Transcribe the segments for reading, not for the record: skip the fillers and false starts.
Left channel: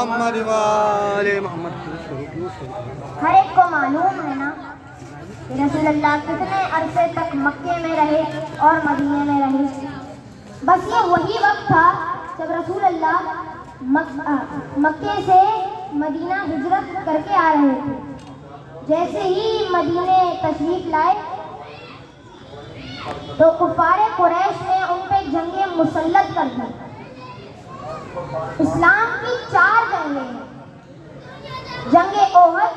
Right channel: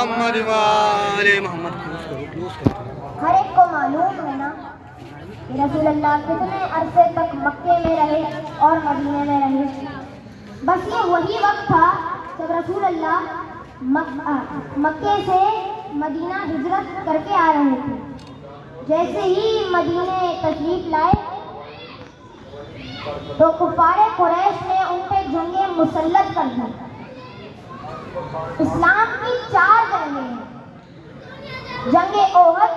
محمد وآل محمد. ہر ایک کو معلوم ہے نا کہ رسول اللہ کتنے عرصے تک مکے میں رہے اور مدینے میں رہے. بس یہ وہی وقت تھا جب رسول اللہ مکے سے مدینہ ہجرت کر کے آ رہے تھے. جیسے ہی مدینے تشریف لائے تو کفار قریش نے ان پہ جنگیں مسلط کر دی. اسلام کی 4 جنگیں ہیں: جنگ احد،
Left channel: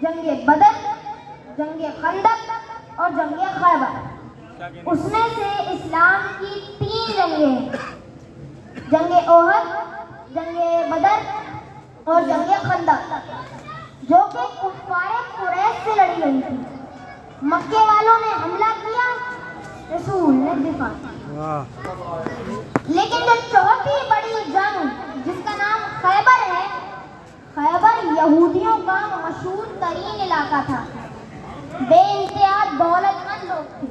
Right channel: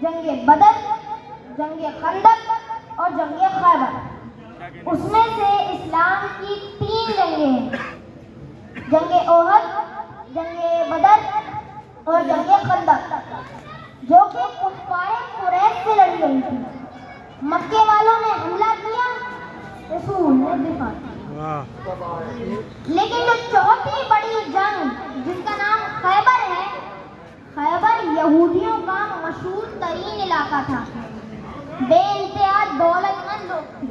جنگ بدر، جنگ خندق اور جنگ خیبر. اس میں سے اسلام کی 3 جنگیں ہیں: جنگ احد، جنگ بدر اور جنگ خندق، جو کہ کفار قریش سے لڑی گئی تھی. مکے والوں نے حملہ کیا، رسول نے دفاع کیا. لیکن جو 4تھی بڑی جنگ جس کا نام خیبر ہے، خیبر یہودیوں کا مشہور ترین علاقہ تھا. بے انتہا دولت مند لوگ تھے،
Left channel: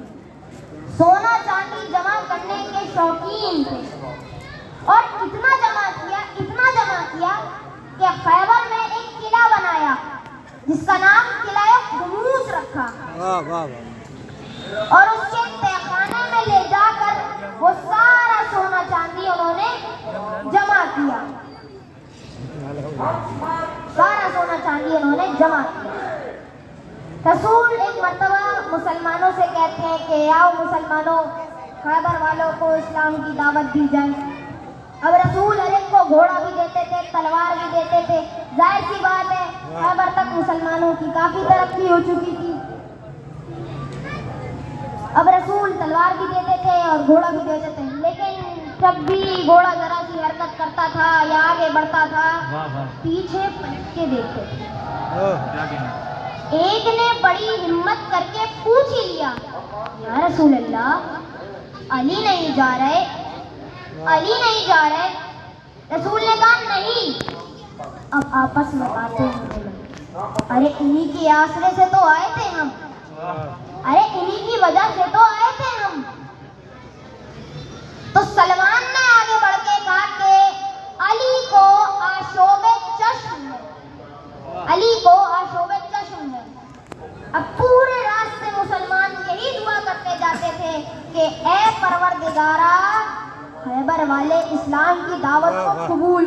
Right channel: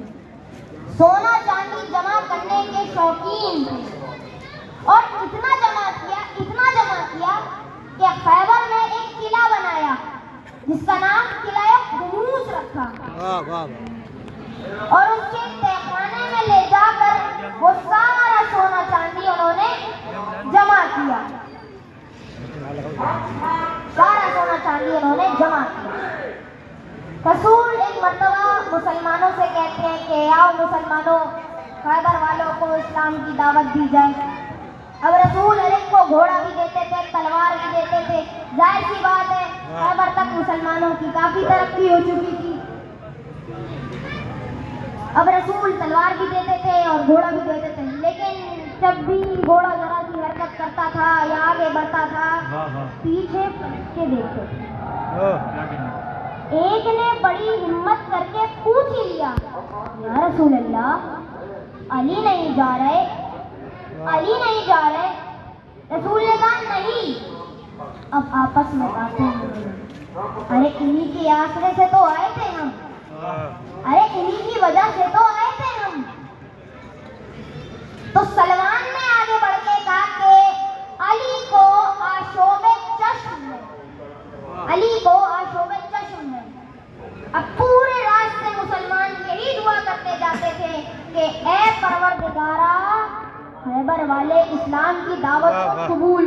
سونا چاندی جمع کرنے کے شوقین تھے، اور اتنا جمع کیا کہ خیبر میں ایک قلعہ بنایا جس کا نام قلعہ خموس رکھا. اور اس کے تہخانے میں لے جا کر وہ سارا سونا چاندی انہوں نے جمع کیا. رسول ایک مرتبہ مسلمانوں سے کہتے ہیں کہ آؤ مسلمانوں، خیبر والوں کو اسلام کی دعوت دی جائے. اب رسول ہر ایک کو گھوڑا بھی دیتے تھے، تلوار بھی دیتے تھے. ظاہر سی بات ہے خیبر تک مسلمانوں کی کافی ترقی ہو چکی تھی. اب رسول تلوار بھی دیتے تھے اور گھوڑا بھی دیتے تھے، لیکن جب بھی گھوڑا ذرا سی حرکت کرتا تھا یا آگے بڑھتا تھا پیچھے پلٹ کے دیکھتے تھے. ایک نے بڑی ہمت کر کے پوچھ ہی لیا، یا رسول اللہ علی نہیں جا رہے؟ رسول نے کہا نہیں. اب آپس میں باتیں ہونے لگی. ارے انہی کے آسرے سے تو آئے تھے ہم، انہی کی وجہ سے تو آئے تھے ہم. تو سلمان نے آگے بڑھ کے کہا کہ علی کو آشوب چشم ہے. اب پورے راستے مسلمان یہی دعا کرتے جاتے تھے کہ اے پروردگارا، خیبر والے اسلام کی دعوت کو قبول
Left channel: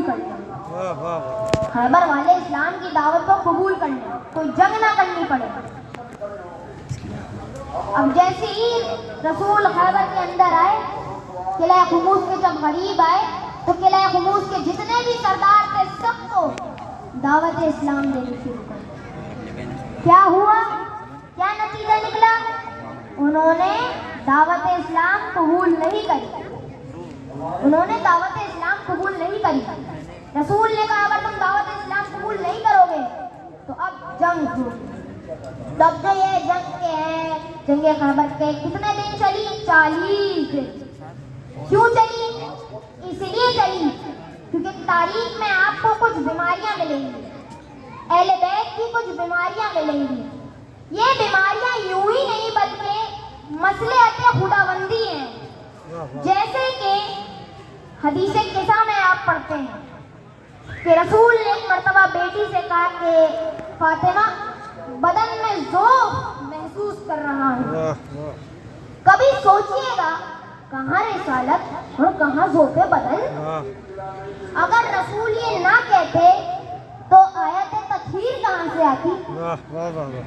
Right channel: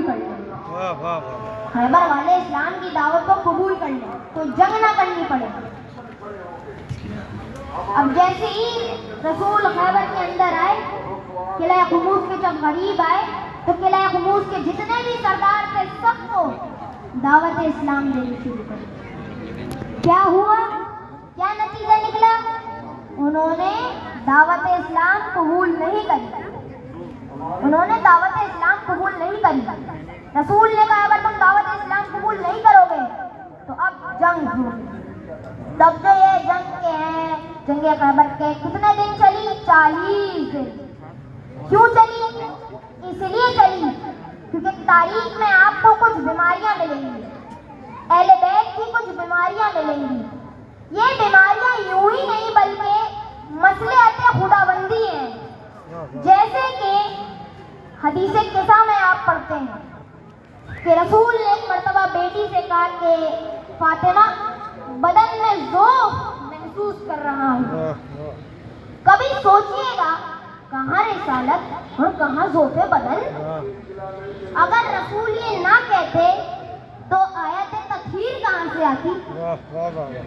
کر لیں، کوئی جنگ نہ کرنی پڑے. اب جیسے ہی رسول خیبر کے اندر آئے، قلعہ خموس کے جب قریب آئے تو قلعہ خموس کے جتنے بھی سردار تھے سب کو دعوت اسلام دینی شروع کر دی. کیا ہوا؟ کیا نتیجہ نکلا؟ انہوں نے دعوت اسلام قبول نہیں کری. رسول نے کہا اگر تم دعوت اسلام قبول نہیں کرو گے تو اب جنگ ہوگی. تب جو یہ جنگ کے ہیں، جنگ خیبر کے کتنے دن چلی؟ 40 دن. کیوں چلی؟ اس لیے چلی کیونکہ تاریخ میں آپ کو کچھ بیماریاں ملیں گی، اہل بیت کی کچھ بیماریاں ملیں گی. یہ بیماریاں یوں ہی نہیں بلکہ مصلحت خداوندی ہیں. جیسے کہ حدیث قصہ میں آپ پڑھتے ہیں کہ رسول نے ایک مرتبہ بیٹی سے کہا کہ فاطمہ بدن میں ذوق محسوس کر رہا ہوں. کبھی سوچئے گا کہاں رسالت اور کہاں ذوق بدن. اگر رسول یہ نہ کہتے تو آیت تطہیر کہاں سے آتی؟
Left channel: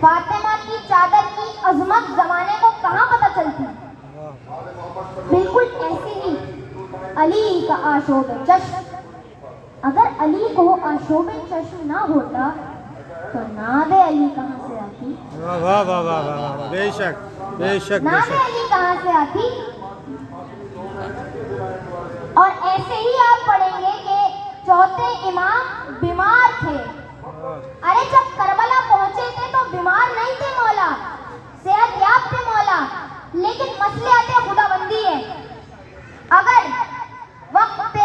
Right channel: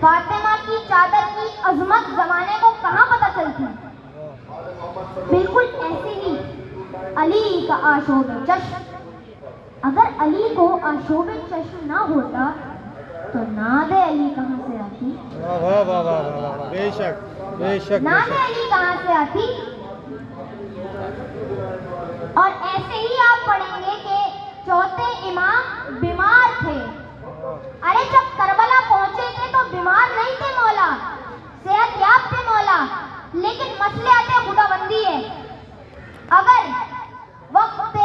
فاطمہ کی چادر کی عظمت زمانے کو کہاں پتہ چلتی؟ بالکل ایسے ہی علی کا آشوب چشم. اگر علی کو آشوب چشم نہ ہوتا تو ناد علی کہاں سے آتی؟ بے شک ناد علی کہاں سے آتی؟ اور ایسے ہی آپ پڑھیں گے کہ 4تھے امام بیمار تھے. ارے جب کربلا پہنچے تھے تو بیمار نہیں تھے مولا، صحت یاب تھے مولا، لیکن مصلحت خداوندی ہے. اگر وقت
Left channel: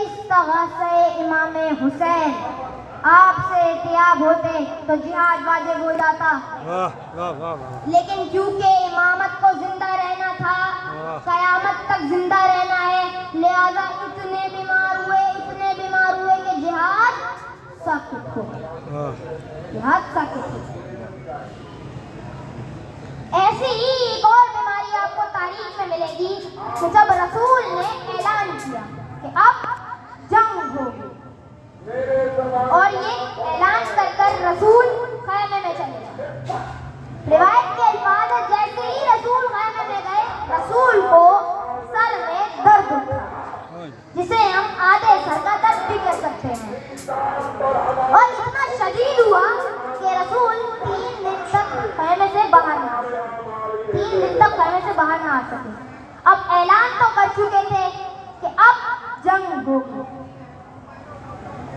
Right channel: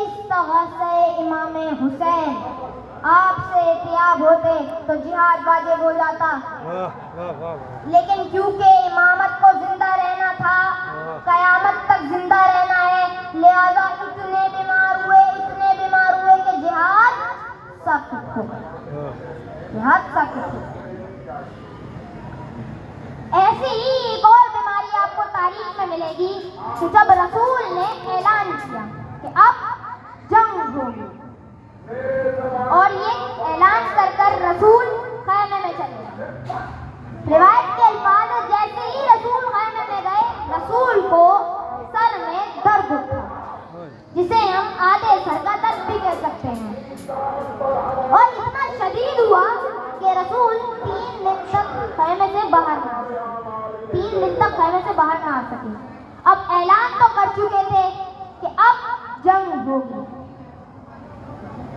استغاثہ امام حسین آپ سے احتیاب ہوتے تو جہاد واجب ہو جاتا. لیکن کیونکہ امامت کو زندہ رہنا تھا، قیامت تک زندہ رہنا ہے، لہذا اتنے بیمار ہوئے کہ جہاد हो हाँ, ये हादसा किसी। ऐसी ही एक और बीमारी आपको तारीख में मिलेगी कि जब रसूल ने ऐलान किया कि अब जंग होगी, और ये ऐलान कर रसूल खैमे में चले गए। रिवायत के अल्फाज है, जैसे ही रसूल खैमे में गए, रसूल को सर में दर्द उठा, जिसे हम आधे सर का दर्द भी कह सकते हैं, और इतना शदीद हुआ कि रसूल 3 दिन तक खैमे से बाहर ना आ सके। 3 दिन तक खैमे से बाहर ना आ सके। अब ऐलान तो कर चुके थे कि अब जंग होगी,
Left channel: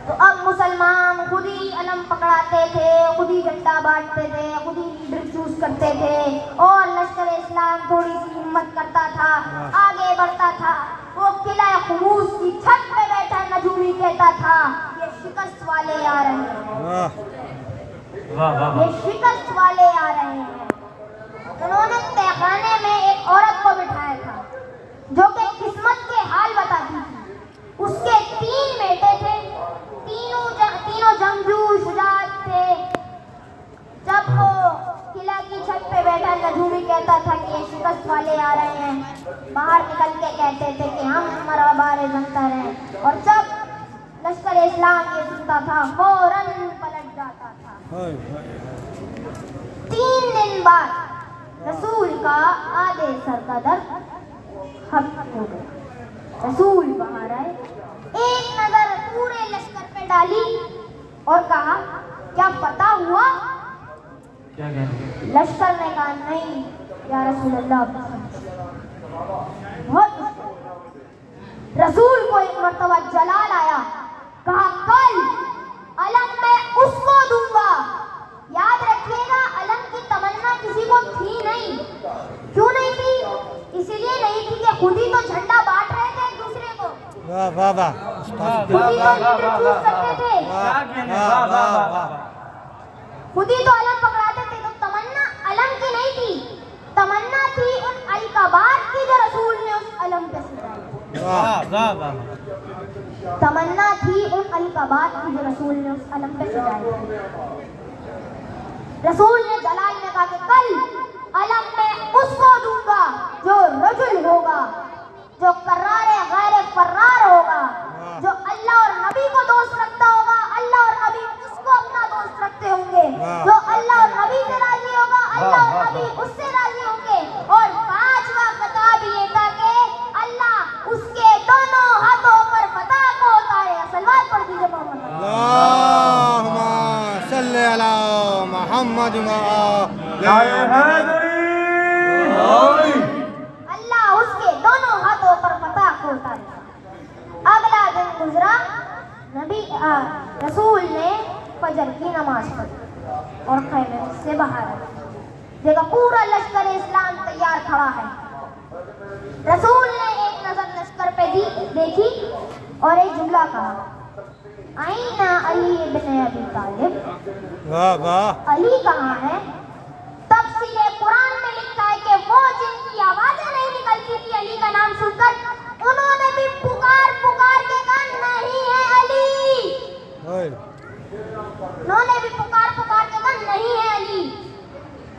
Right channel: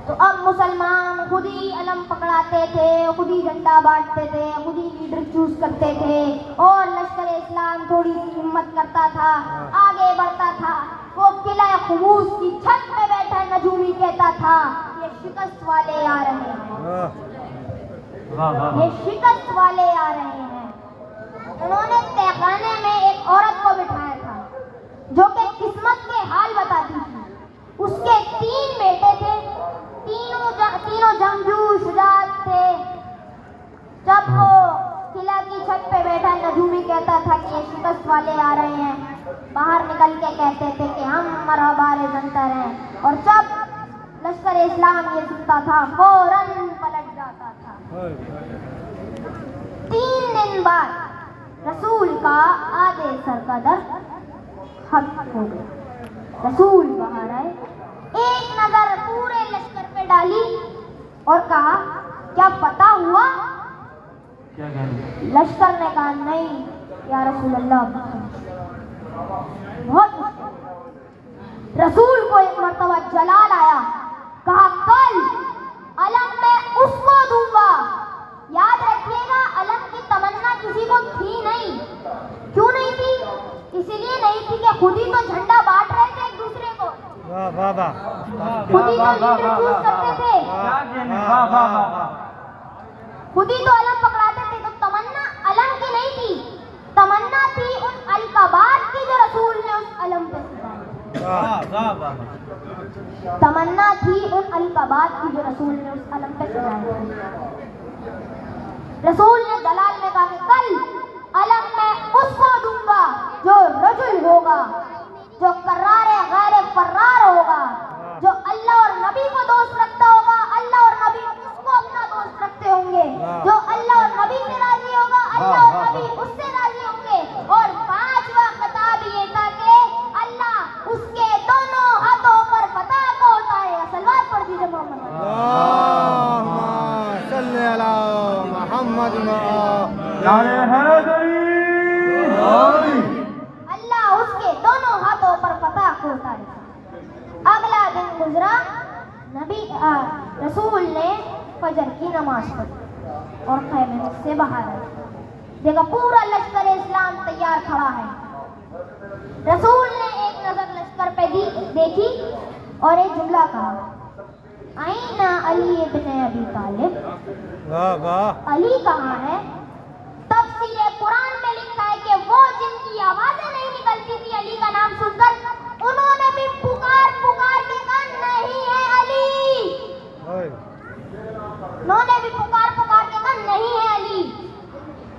तो अब मुसलमान खुद ही अलम पकड़ाते थे, खुद ही झंडा बांटते थे, खुद ही लीडर चूज करते थे, और लश्कर इस्लाम थोड़ी सी हिम्मत करता था, आगे बढ़ता था। वो किला खुमूस की छत पे बैठा नजूमी कहता था, ये शिकस्त वाले आ रहे हैं, ये शिकस्त वाले आ रहे हैं। उन्होंने तहखाने में एक औरत को बिठाया था जो कि किस्मत के हाल बताती थी। उसके 3 बेटे थे, तीनों जंगजू शुजात थे। जब वो किला की छत पे बैठा नजूमी कहता था कि ये शिकस्त वाले आ रहे हैं, बाहर निकल के कहते थे कि हम मरहबारे जनतर हैं, और जब लश्कर इस्लाम ये सुनता था फौरन पलट जाता था। 3 दिन बाद रसूल का आधे सर का दर्द खत्म हो गया। रसूल बाहर आए, एक नजर पूरे लश्कर पे डाली और कहा, क्या पता हुआ? लश्कर ने कहा, नहीं या रसूल अल्लाह। बहुत मुश्किल। रसूल को एक मर्तबा जलाल आया, कहा, कल अलम मैं उसको दूंगा। याद रखिएगा, अलम की तमन्ना किसी को थी नहीं। क्यों नहीं थी? इसलिए नहीं थी कि खुद ही तो झंडा बांट रहे थे एक दूसरे को, वाह वाह वाह, खुद ही तो लीडर चूज करते थे, खुद ही तो अलम पकड़ाते थे। तो तमन्ना अलम की नहीं थी, तमन्ना थी उन अलकाबात की जो रसूल ने उस अलम पे सजाई। तमन्ना थी उन अलकाबात की जो रसूल ने उस अलम पे सजाई। रसूल ने जलाल में कहा कि कल अलम मैं उसको दूंगा जो रजुल होगा, जो करारे गैर फर्रार होगा, जो अल्लाह और नबी को दोस्त रखता होगा, अल्लाह और नबी उसको अपना दोस्त रखते होंगे, जो अल्लाह और नबी से राजी होगा, अल्लाह और नबी उससे राजी होंगे। और 5वां खिताब ये था कि अल्लाह उसके दोनों हाथों पर फतह को उतारे। सलवात पढ़ दीजिए मोहम्मद। अल्लाहुम्मा सल्ली अला मोहम्मद। अल्लाह उसके दोनों हाथों पर फतह को उतारे। अगला दिन गुजरा, रसूल ने फजर की नमाज पढ़ी और खैमे से बाहर आए। देखा पूरा लश्कर इस्लाम तैयार खड़ा है। रसूल ने एक नजर लश्कर पे देखी और एक जुमला कहा, आईना अली इब्न अबी तालिब। वाह वाह, अली कहाँ है? तफसीरे कुरान में लिखा है कि वो जिनकी आवाजें नहीं निकलती थी अली का नाम सुनकर, उन्होंने भी पुकार के कहा, नहीं है अली। उन्होंने भी पुकार के कहा, नहीं है अली।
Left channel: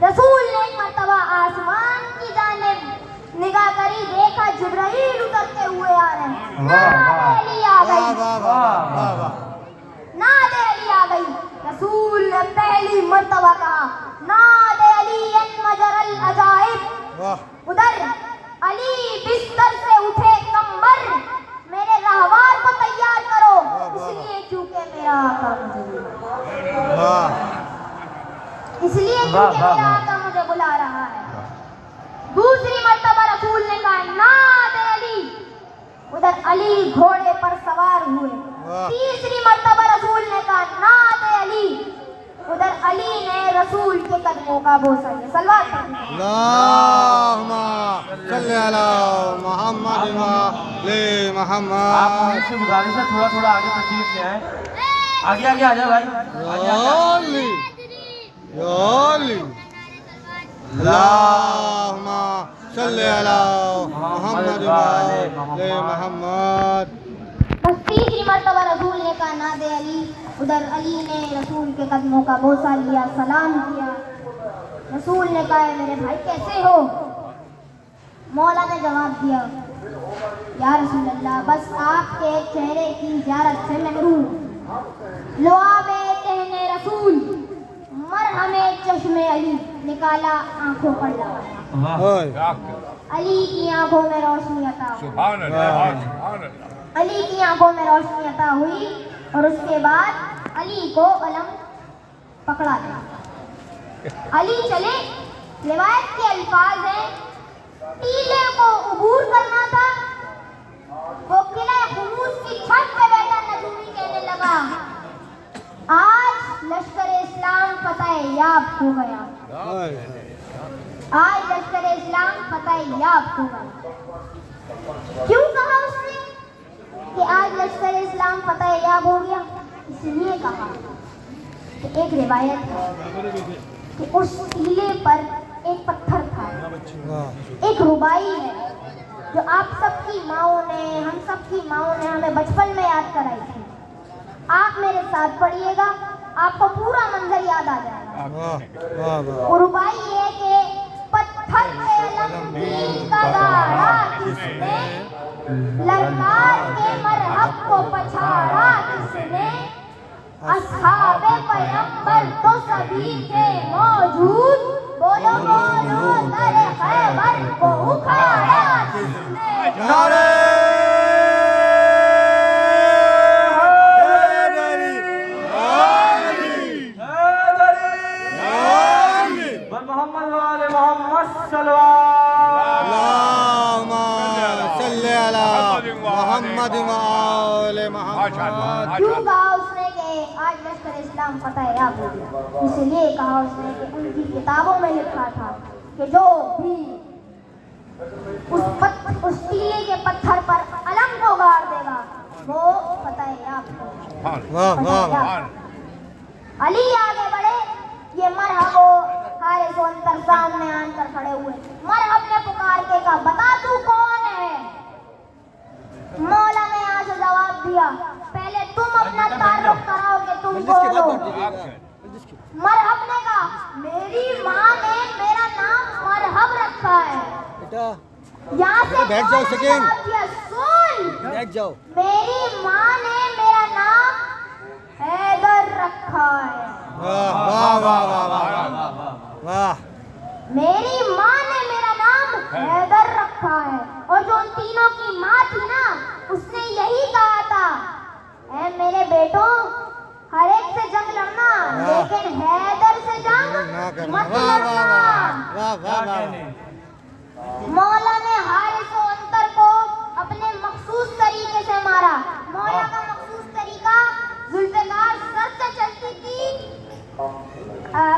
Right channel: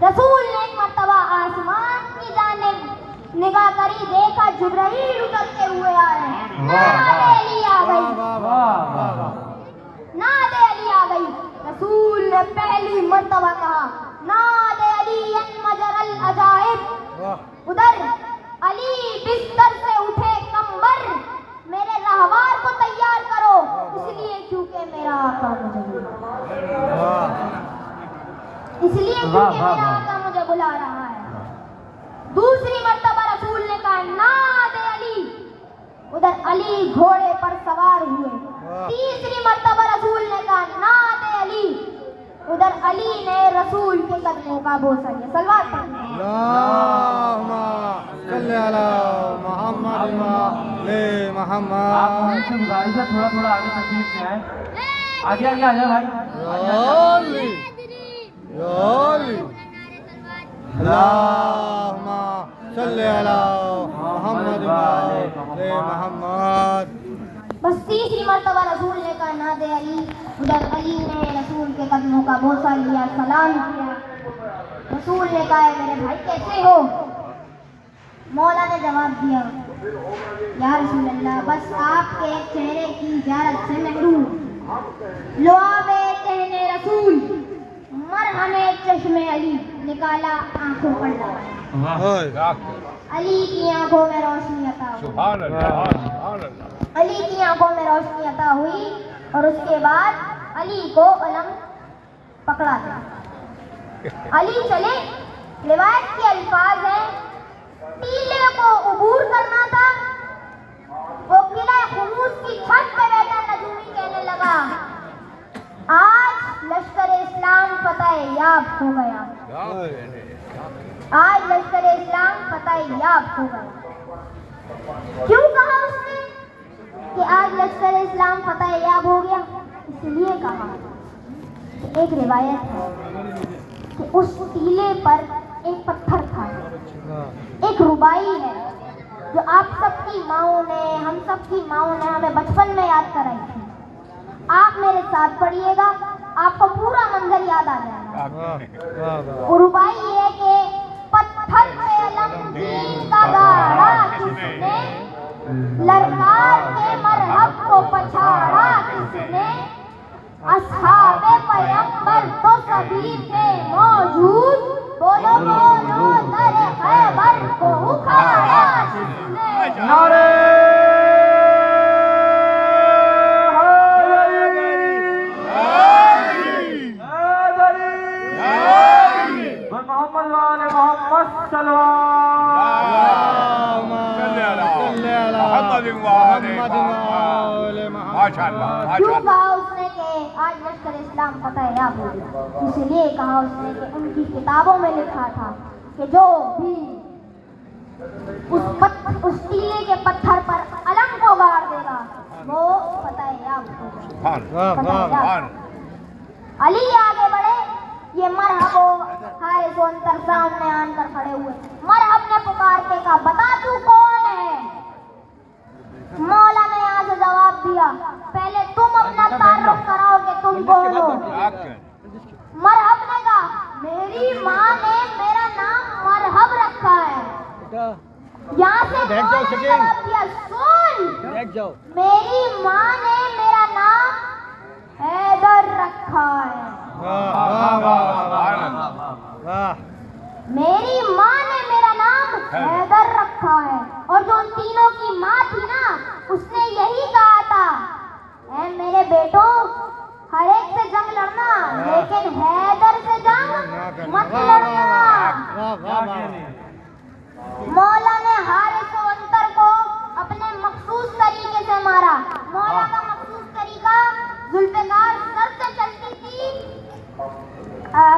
रसूल ने एक मर्तबा आसमान की जानिब निगाह करी, देखा जिब्राइल उतरते हुए आ रहे हैं। नादे अली आ गई, नादे अली आ गई। रसूल ने पहली मर्तबा कहा, नादे अली मजरल अजाइब। उधर अली बिस्तर से उठे, कंबर मेरे रहवार को तैयार करो, इसलिए क्योंकि मेरा आका मुझे बुला रहा है। दूसरी मर्तबा रसूल ने कहा, नादे अली। उधर अली घोड़े पर सवार हुए। तीसरी मर्तबा रसूल ने कहा, नादे अली। उधर अली ने रसूल के कदमों का बोसा दिया। सलवात अल्लाहुम्मा सल्ली अला मोहम्मद ले मोहम्मद। आप मुझसे गुजारिश है थोड़ा आगे तशरीफ ले आए, आगे आ जाओ भाई। अल्लाहुम्मा सल्ली अला मोहम्मद ले मोहम्मद। बस तीसरी मर्तबा रसूल ने कहा, नादे औलाद अली। उधर अली ने रसूल के कदमों का बोसा लिया, सलाम किया। रसूल ने कहा, मेरे भाई कैसे हो? मौला ने जवाब दिया, या रसूल अल्लाह, बस आपके चेहरे की ज़ियारत से महरूम। लो बेटे रसूल, मरहमे चश्मे अली, निकाला, आंखों पर लगाया। वाह अली की आंखों में रोशनी अता हुई। अली की आंखों में रोशनी अता हुई और उसके बाद अली को अलम पकड़ा गया। अली चले। रिवायत के अल्फाज हैं, टीले को उबूर करना था। वो किले खुमूस की छत पे बैठा नजूमी कहने लगा, आज लश्कर इस्लाम फतह याब हो गया। आज लश्कर इस्लाम फतह याब हो गया। क्यों कहा उसने कि आज लश्कर इस्लाम फतह याब हो गया? इसलिए कहा कि एक रिवायत है कि उस टीले पर एक पत्थर था। एक रुबाई है जो आप सबकी माओं ने, हम सबकी माओं ने हमें बचपन में याद कराई थी। आप मेरे साथ पढ़िएगा, आपको पूरा मंजर याद आ जाएगा। वो रुबाई ये है कि पत्थर पे लंबी का गाढ़ा किसने, ललकार के मरहब को पछाड़ा किसने, अस्हाबे पैगंबर तो सभी थे मौजूद, बोलो बोलो दरे खैबर को उखाड़ा किसने। मोहम्मद वाले मोहम्मद सल्लल्लाहु क्यों कहा उसने कि आज लश्कर इस्लाम फतह याब हो गया? इसलिए कहा उसने कि उनकी किताबों में लिखा था कि जो भी उस टीले के पत्थर पर अलम को गाड़ देगा वो फतह याब होगा। अली आगे बढ़े। ये मरहबो हारिस अंतर सामने अंतर खड़े हुए। मरहब ने पुकार के कहा, बता तू कौन है? मौला ने यहाँ से जवाब दिया, पहले तुम अपना तारुफ कराओ कि तुम कौन हो। मरहब ने कहा, मेरी माँ ने मेरा नाम मरहब रखा है। यहाँ से बैठ जाओ सेकेंड। सुन, बैठ जाओ। मेरी माँ ने मेरा नाम हैदर रखा है। वाह। मेरी माँ ने मेरा नाम हैदर रखा है। और जो उन तीनों की माँ थी ना, उसने यही कहा था, ऐ मेरे बेटों, हर एक से जंग लड़ना, लेकिन हैदर से जंग मत लड़ना। मौला ने हारिस अंतर को अपने मखसूस तरीके से मारा। मौला का मखसूस तरीका, जुल्फकार सर से चलती थी,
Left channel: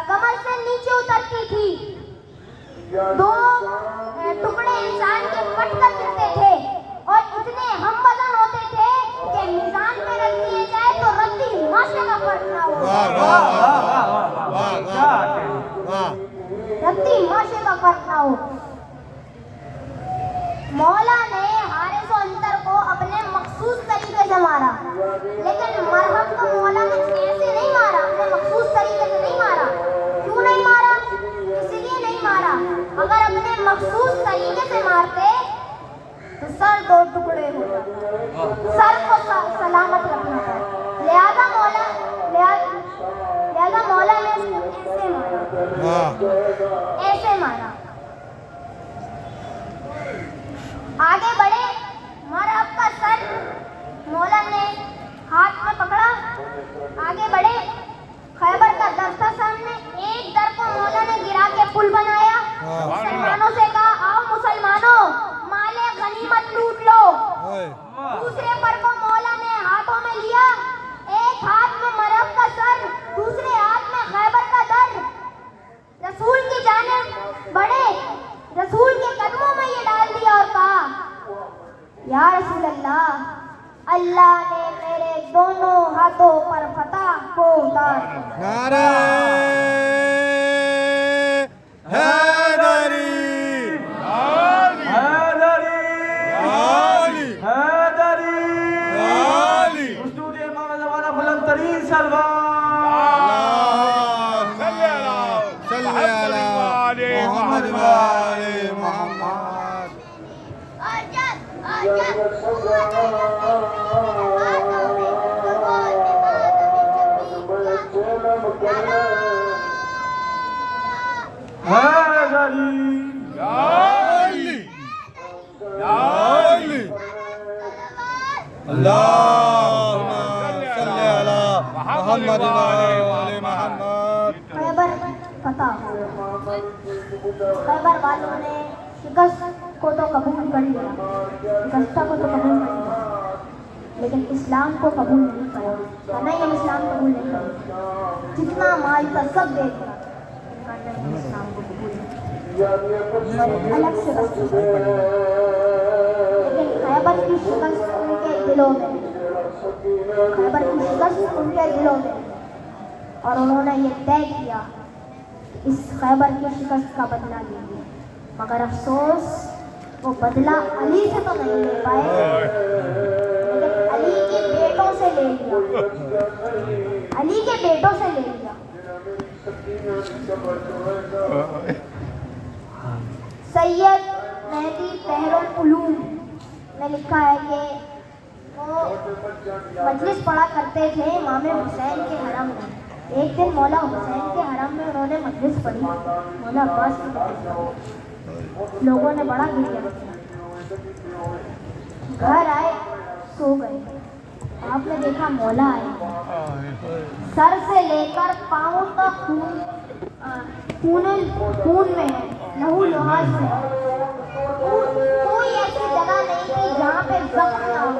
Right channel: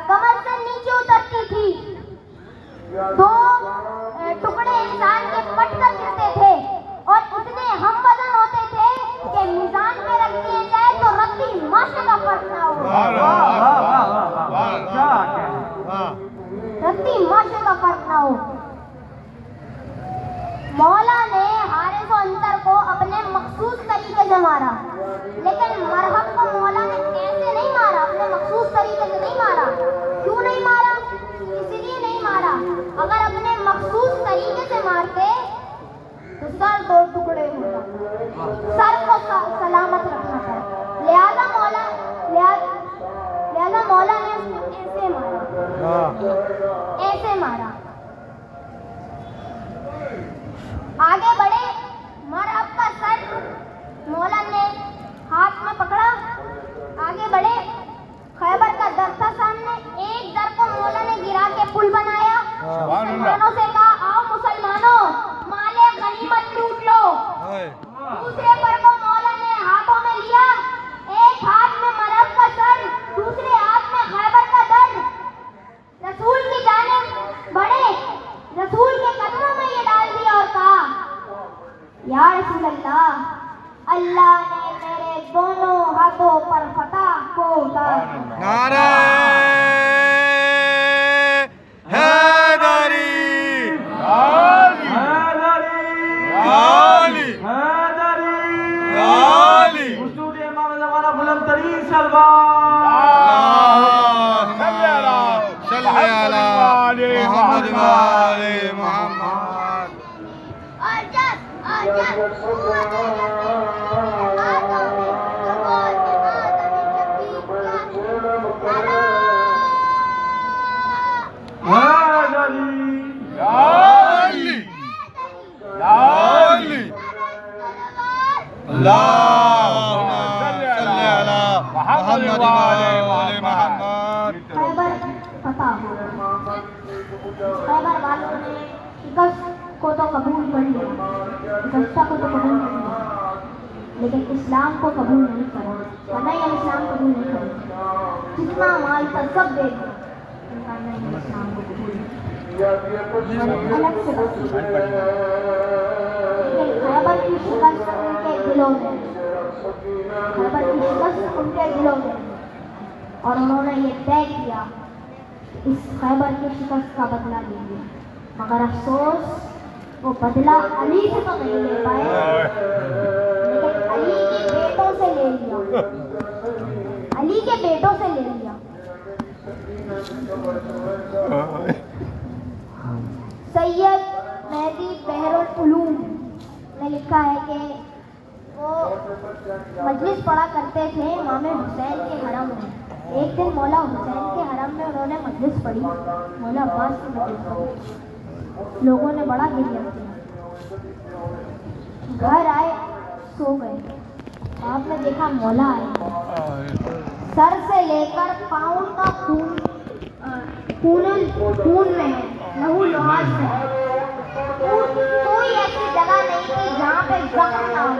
कमर से नीचे उतरती थी, दो टुकड़े इंसान के कट कर गिरते थे और इतने हम वजन होते थे कि मीज़ान पे रख दिए जाए तो रत्ती माशे का फर्क ना हो। रत्ती माशे का फर्क ना हो। मौला ने हारिस अंतर को अपने मखसूस तरीके से मारा, लेकिन मरहब को मौला ने ऐसे नहीं मारा, अपने मखसूस तरीके से नहीं मारा। क्यों नहीं मारा? इसलिए नहीं मारा, अगर अपने मखसूस तरीके से मारते तो सर दो टुकड़े होते, सर को सलामत रखना था। लिहाजा मौला ने इसको ऐसे मारा। आगे बढ़े। मरहब का सर मौला ने हाथ में पकड़ा। आगे बढ़े। खैबर का दर था सामने। एक दर को मौला ने गिरा के पुल बनाया। मुसलमानों से कहा, आओ मुसलमानों, माले गनीमत लूट लो। दूसरे पर को मौला ने हाथों में लिया। एक हाथ में मरहब का सर, दूसरे हाथ में खैबर का दर। रसूल की जानिब बढ़े। रसूल के कदमों में ये डाल दिया और कहा, या रसूल अल्लाह, अल्लाह ने मेरे दोनों हाथों पर फतह को उतार दिया। नारे हैदरी हैदरी आली हैदरी आली। हुजूर इमाम ज़माना बुलंद करी सलवार صلی علی محمد و آل محمد اللہم صلی علی محمد و آل محمد خیبر فتح ہو گیا۔ خیبر والوں نے شکست کو تو قبول کر لیا، شکستہ کو تو قبول کر لیا، لیکن اسلام کو قبول نہیں کرا۔ نہیں، ہم اسلام قبول نہیں کریں، جتنا مال تھا سب دے دیا، نہیں، ہم اسلام کو قبول نہیں کریں اور الگ سے بس۔ لیکن خیبر کی شکست ان کے دلوں میں، خیبر کی شکست ان کے دلوں میں، اور انہوں نے یہ طے کیا اس خیبر کی شکست کا بدلہ لیں گے، مگر افسوس وہ بدلہ علی سے تو نہیں لے پائے، لیکن علی کے بیٹوں سے لے لیا، علی کے بیٹوں سے لے لیا۔ سید مہدی بحر العلوم نے لکھا ہے کہ وہ مجلس پڑھا کرتے تھے امام حسین کے حرم میں۔ ایک دن مولا حسین کے حرم میں انہوں نے مجلس پڑھی، مولا عباس کی مجلس پڑھی، لوگوں نے بڑا گریہ کیا، گھر آئے سو گئے۔ آپ نے دیکھا مولا آئے، سر سے لے کر پاؤں تک خون میں ہے، لہو لہاس ہے، کوئی ایسی جگہ نہیں تھی جہاں پہ زخم نہ ہو۔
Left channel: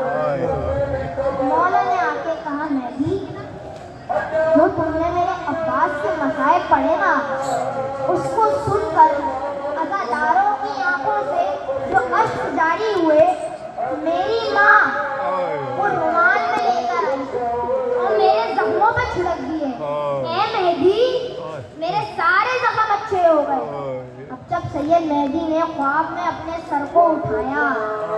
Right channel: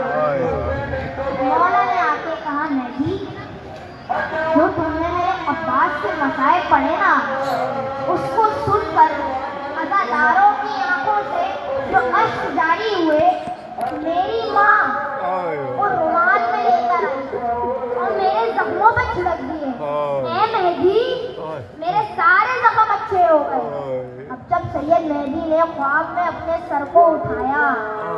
مولا نے آ کے کہا مہدی، جو تم نے میرے عباس کے مسائب پڑھے نا، اس کو سن کر عزاداروں کی آنکھوں سے جو اشک جاری ہوئے، میری ماں وہ رومال میں لے کر اور میرے زخموں پہ چھڑک دیے۔ اے مہدی، میرے سارے زخم اچھے ہو گئے۔ اب جب سید مہدی نے خواب میں اپنے سر کو اٹھایا،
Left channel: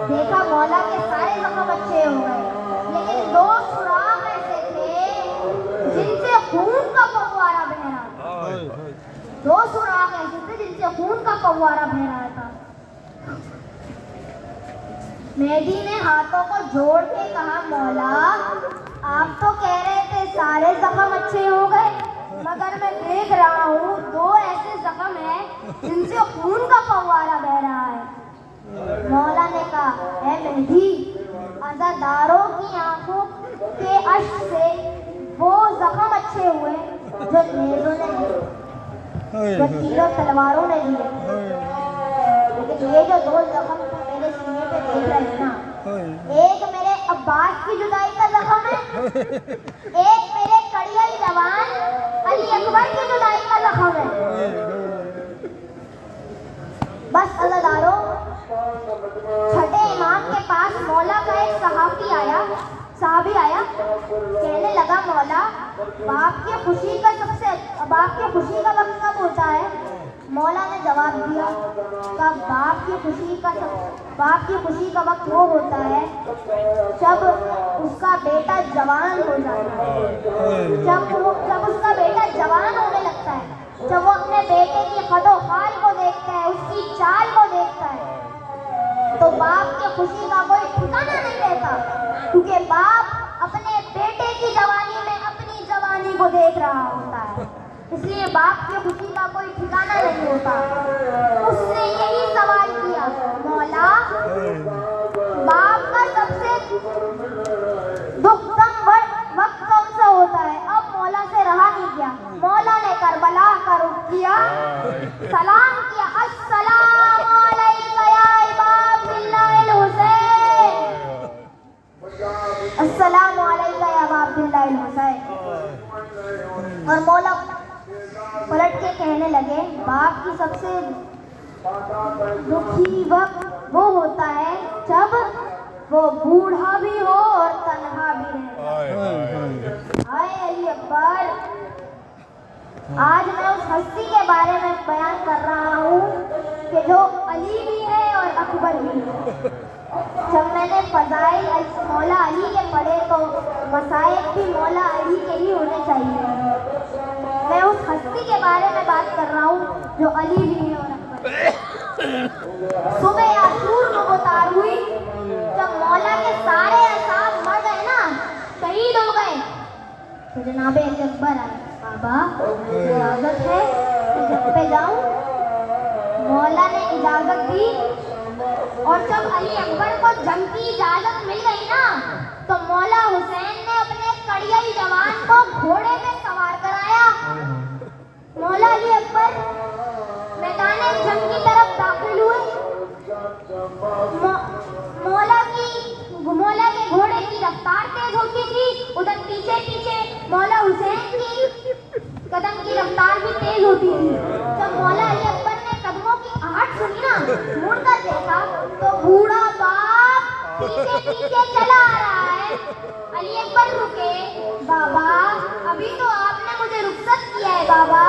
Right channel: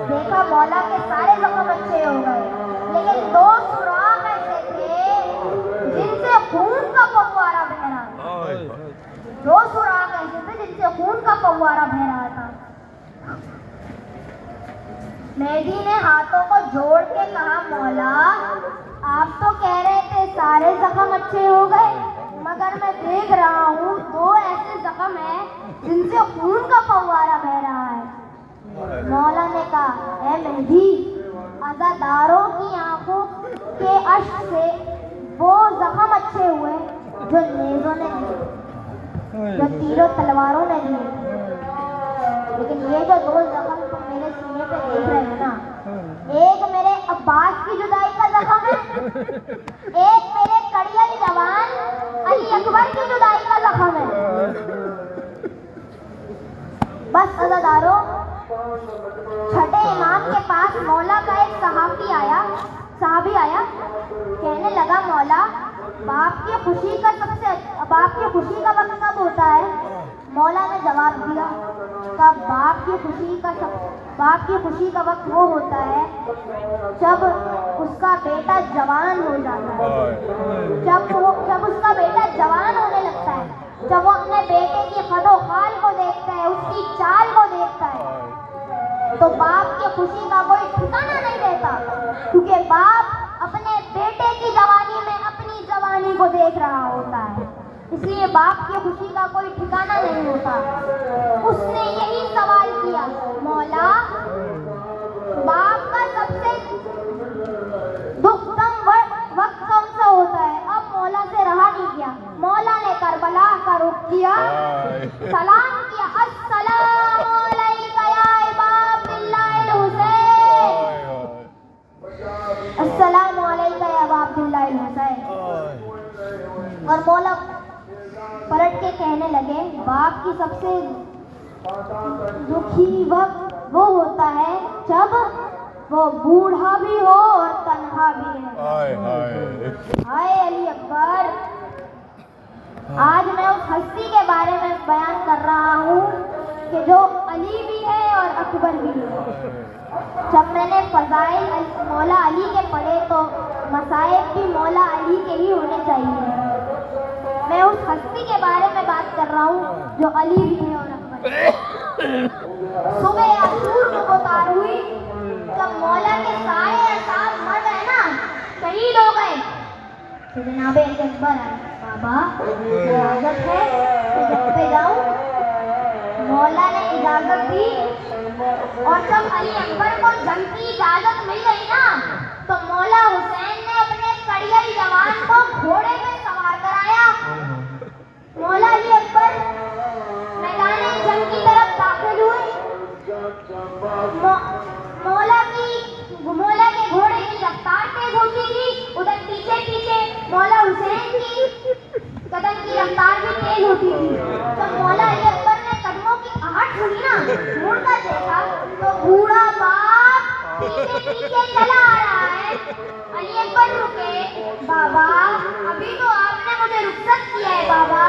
دیکھا مولا کے سارے زخم اچھے ہو گئے، لیکن دو سوراخ ایسے تھے جن سے خون کا فوارہ بہ رہا تھا، دو سوراخ ایسے تھے جن سے خون کا فوارہ بہ رہا تھا۔ مہدی نے ہاتھوں کو جوڑ کے کہا مولا، آپ تو کہہ رہے تھے سارے زخم اچھے ہو گئے، مگر میں دیکھ رہا ہوں دو ایسے زخم ہیں جن سے خون کا فوارہ بہ رہا ہے۔ مولا نے کہا اے مہدی، عزاداروں کی آنکھوں کے اشک سے وہ زخم اچھے ہوئے جو نیزوں نے دیے، جو تیروں تلواروں نے دیے، لیکن یہ جو دو زخم میرے سینے پہ دیکھ رہے ہیں نا، ایک میرے عباس کی جدائی کا زخم ہے، ایک میرے کڑیل جوان علی اکبر کی جدائی کا زخم ہے۔ بس عزاداروں، چھٹے امام کے پاس مولا کا ایک صحابی آیا، کہنے لگا مولا، باپ کی خوشی کا وقت کب ہوتا ہے؟ مولا نے جواب دیا کہ باپ کی خوشی کا وقت وہ ہوتا ہے جب اس کا بیٹا جوان ہو جاتا ہے، جب اس کا بیٹا جوان ہونے لگتا ہے، جب وہ اپنے بیٹے کی خد و خال کو دیکھتا ہے، اس کی چال کو دیکھتا ہے، تو باپ کی خوشی کا کوئی ٹھکانہ نہیں رہتا، کیونکہ باپ اپنے بیٹے کی جوانی میں اپنی جوانی کو دیکھ رہا ہوتا ہے، اس لیے باپ کی خوشی کا کوئی ٹھکانہ نہیں ہوتا۔ اس نے یہی سوال کیا، مولا، باپ کا سب سے دکھ دم وقت کون سا ہوتا ہے؟ اب مولا سے رہا نہیں گیا، مولا نے کربلا کا رخ کیا، سلام کیا، السلام علیکم یا ابا عبداللہ الحسین، السلام علیکم یا ابا عبداللہ الحسین۔ اور مولا پلٹ کے کہنے لگے، باپ کی سب سے دکھی وقت وہ ہوتا ہے جب وہ بوڑھا بھی ہو اور تنہا بھی رہے۔ ہائے علی اکبر، آج میں اس ہستی کے بارے میں بیان کر رہا ہوں کہ جو علی بھی ہے اور اکبر بھی ہے۔ جب میں نے فضائل مولا علی کے پڑھے تو مصائب بھی مولا علی दाढ़ी के ही होने चाहिए। मैं उस हस्ती के बारे में बात कर रहा हूँ जो अली भी है और अकबर। सुबह आसूर को उतार हुई जब मौला के सारे असाब मर गए ना, शहीद हो गए, तो जनाब अली अकबर आए, बाबा इजाजत है मैं जंग पे जाऊं? मौला ने इजाजत दी और जब अली अकबर को जंग की इजाजत मिल गई ना, तो मौला हुसैन ने अपने कड़ियल जवान को घोड़े पे सवार कराया। मौला अली अकबर मैदान जंग की तरफ दाखिल हुए। मौला के घोड़े की रफ्तार तेज होती थी, उधर पीछे पीछे मौला हुसैन की कदम की रफ्तार भी तेज होती थी। जब मौला अली अकबर ने कदमों की आहट सुनी ना, मुड़कर देखा तो बूढ़ा बाप पीछे पीछे चला आ रहा है। अली अकबर रुके, बाबा अभी तो आपने मुझे रुखसत किया है बाबा,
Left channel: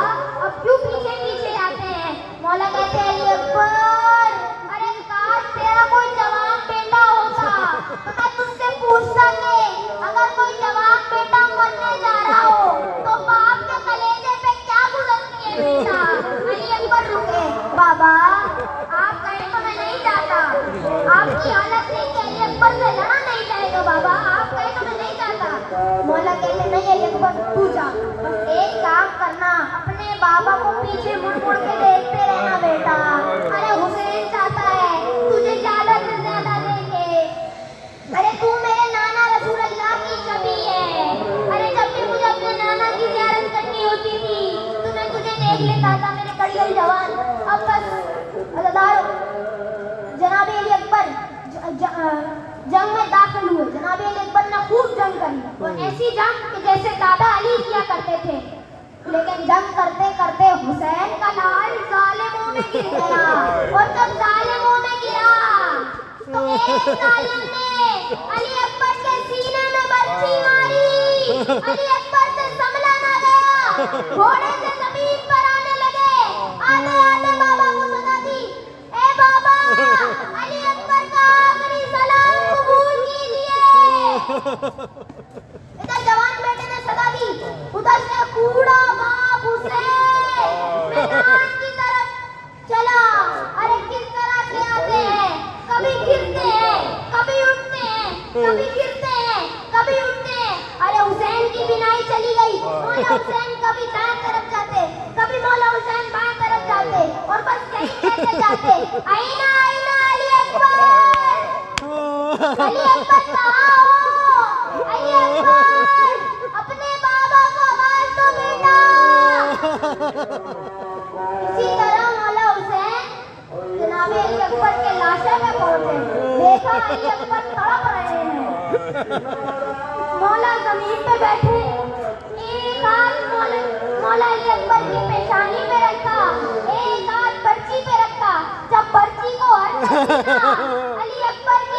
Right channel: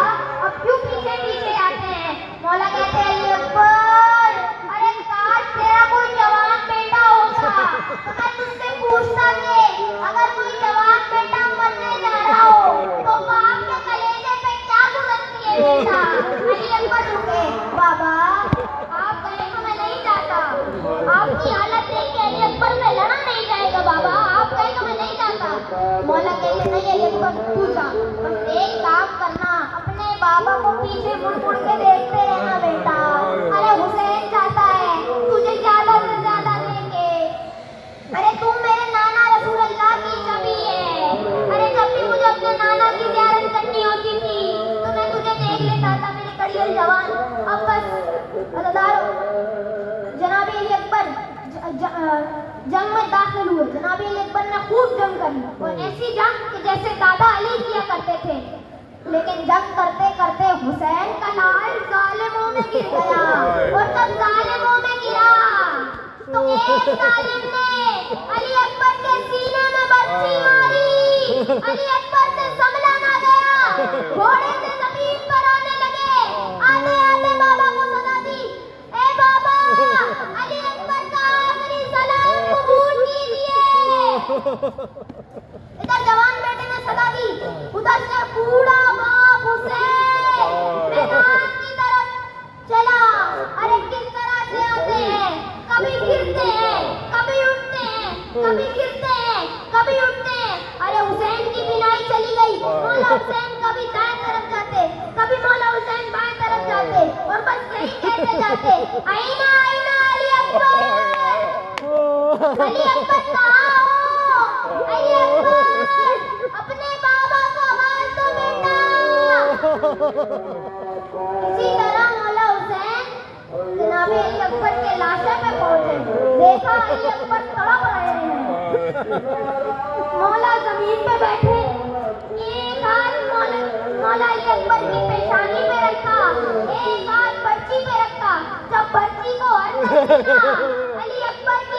अब क्यों पीछे पीछे आते हैं? मौला कहते हैं अली अकबर, अरे काश तेरा कोई जवान बेटा होता तो मैं तुझसे पूछता कि अगर कोई जवान बेटा मरने जा रहा हो तो बाप के कलेजे पे क्या गुजरती है बेटा? अली अकबर रुके, बाबा आप कहे तो मैं नहीं जाता, आपकी हालत देख के अली अकबर से लड़ा नहीं जाएगा बाबा, आप कहे तो मैं नहीं जाता। मौला कहते नहीं अली अकबर तू जा, बस एक काम करना, अपने बाबा को पीछे मुड़ मुड़ के देखते रहना बेटा। अरे हुसैन चाहता है तुझे ज्यादा से ज्यादा देंगे। अरे तू मेरे नाना रसूल अल्लाह की शबी है। अरे जब भी मुझे अपने नाना की ज़ियारत करनी होती थी तो मैं तुझे देख लेता था मेरे कड़ियल जवान। अब बस अज़ादार जनाब अली अकबर जंग में दाखिल हुए। जनाब अली अकबर ने खूब जंग करी और ऐसी जंग कि जैसे दादा अली किया करते थे। लेकिन जंग करते करते हुसैन का लाल जालिमों में गिर गया और जब जालिमों में गिरा तो एक जालिम ने अली अकबर के सीने में बर्छी मारी। अली अकबर से संभला ना गया, घोड़े से जमीन पर आने लगे। आते आते बाबा को सदा दी, ए बाबा अली अकबर का आखिरी सलाम कबूल कीजिए। इधर जवान बेटे ने सदा दी, उधर से बूढ़ा बाप हुसैन मैदान की तरफ चला। अरे किस तरह से आते हैं, कभी गिरते हैं, कभी उठते हैं, कभी गिरते हैं, कभी उठते हैं। अरे हुसैन की बिनाई चली गई। मौला हुसैन कभी दाएं तरफ जाते, कभी मौला हुसैन बाएं तरफ जाते और बस यही कहते जाते, आईना आईना अली अकबर, अली अकबर कहाँ हो? अली अकबर अपने बाबा को आवाज दो बेटा। इसी तरह मौला हुसैन जनाब अली अकबर के लाशे पे पहुंचे। देखा अली अकबर तड़प रहे हैं। मौला जमीन पे बैठे, एक हाथ मौला अली अकबर की पेशानी पे रखा, एक हाथ पर्ची पे रखा। जब पर्ची को अली अकबर की